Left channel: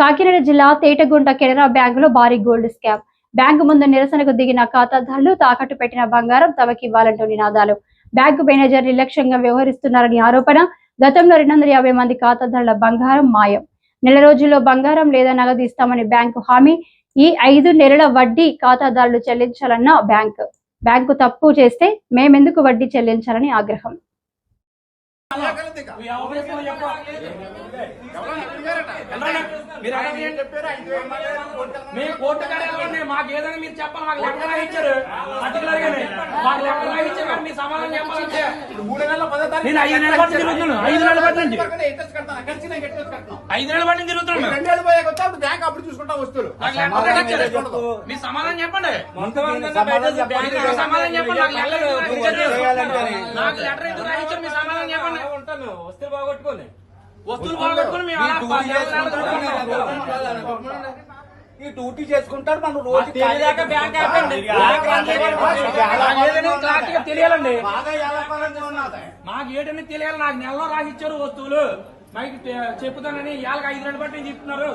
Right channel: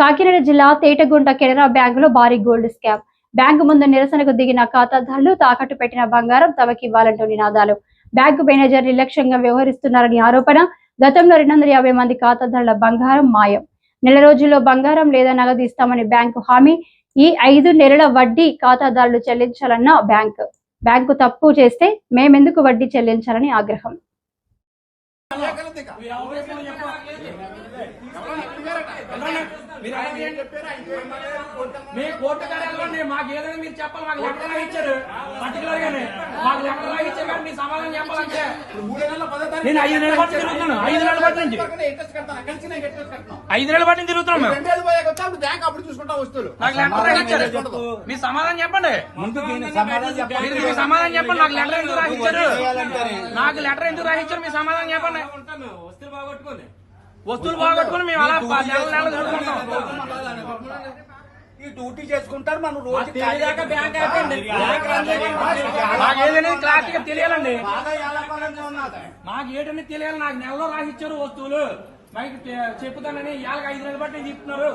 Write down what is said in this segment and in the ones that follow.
కాకినాడ జిల్లా తేటగుంట కెనరా బ్యాంకులో భారీ గోల్డ్ స్కామ్. బ్యాంకు ముందు నిరసనకు దిగిన ఖాతాదారులు తాకట్టు పెట్టిన బంగారం తమకి ఇవ్వాలంటూ నినాదాలు. బ్యాంకు మేనేజర్ నిర్లక్ష్యంగా వ్యవహరిస్తున్నారని ఆరోపణ. గతంలో 250 మంది ఖాతాదారుల బంగారం మాయం. నెల రోజుల్లో బంగారం లేదా నగదు ఇస్తామని బ్యాంకు హామీ. ఈ 5 నెలల వడ్డీ ఖాతాదారులు చెల్లించాలన్న బ్యాంకు తప్పు చేస్తే మేమెందుకు వడ్డీ చెల్లించాలని ఆగ్రహం. మాకు ఏదైనా మీరు చెప్పాలి, మాకు లెక్క ఇచ్చారు పర్టికులర్ గానే మాకు లెక్క ఇచ్చారు కానీ మీరు సమాధానం చెప్పాలంటే 3 నెలల 10వ తారీఖు నేను 5 నెలల బట్టి తిరుగుతున్నాను. 5 నెలల బట్టి నుంచి 5 నెలల బట్టి తిరుగుతున్నాను. 2 నెలలు పోయాక వచ్చి అప్పుడు బ్యాంక్ అప్పుడు చూసుకుంటా వస్తువులు నాకు లెక్క ఇచ్చారు. మీ సమాధానం చెప్పండి. సమాధానం చెప్పండి. నాకు లెటర్ ఎందుకు రాయించారు మీ సమాధానం చెప్పండి. వస్తువులు బాగొట్టుకోండి. వస్తువులు బాగొట్టుకుని ఈ డ్యూటీ చేసుకుంటారు. మనం తెలియదాకా బ్యాంక్ అయిపోయింది. తెలియాలండి మాకు ఏటని తెలియాలి. నాకు నెలలో రాసిచ్చారు వస్తువులు మైకి చెప్పుతానని ఇవాళకి 5 నెలలు బట్టి చెప్తున్నారు.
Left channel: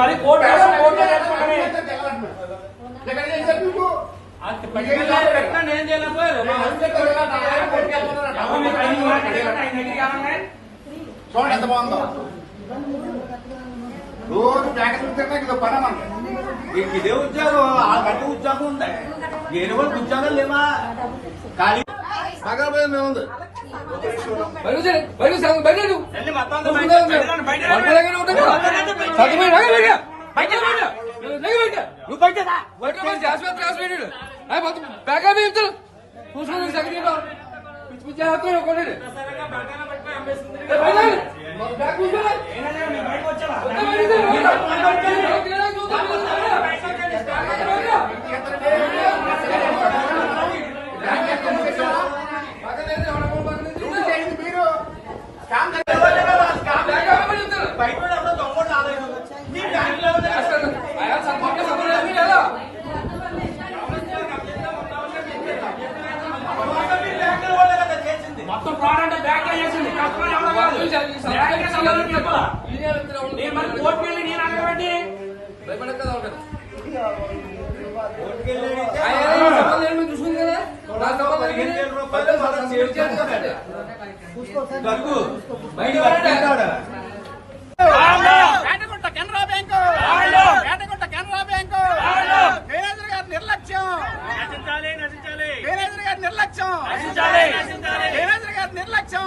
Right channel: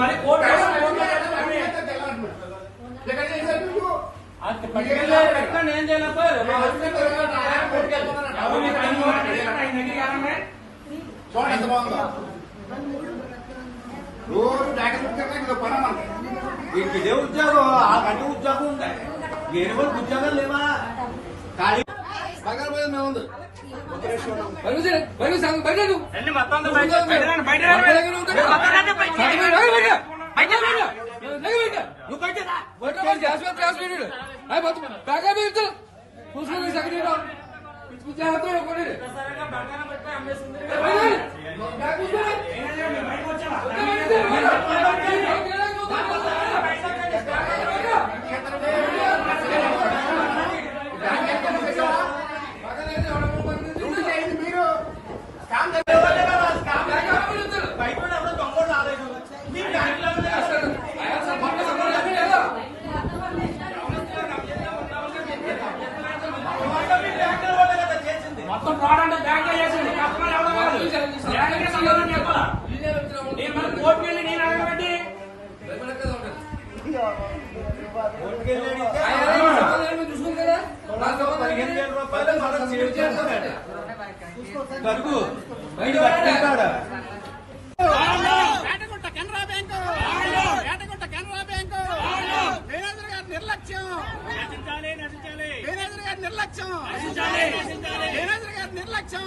మరి కోర్టు ఏం చేయలేకపోయారు. చూడండి ఎంత బాగుందో. రోజు ప్యాకెట్ ఇది పని మనకి ఇదే ఉద్యోగం. ఆ గట్టి ఉద్యోగం ఉంది. వేరే వాళ్ళకి ఉద్యోగాలు లేవా? ఖాళీ పగలపోయింది మేముంది. మొత్తం ఫ్రాడ్ అంటే బ్యాంక్ చేసింది. కస్టమర్ ఎవడో కాదు. బ్యాంకే సమాధానం చెప్పాలా? నేను మరి కోర్టుకు వెళ్ళి నేను అడగబెట్టి కెనరా బ్యాంకు మేనేజర్ గారి నిర్లక్ష్యం. మేనేజర్ గారి నిర్లక్ష్యం. మేనేజర్ గారి నిర్లక్ష్యం.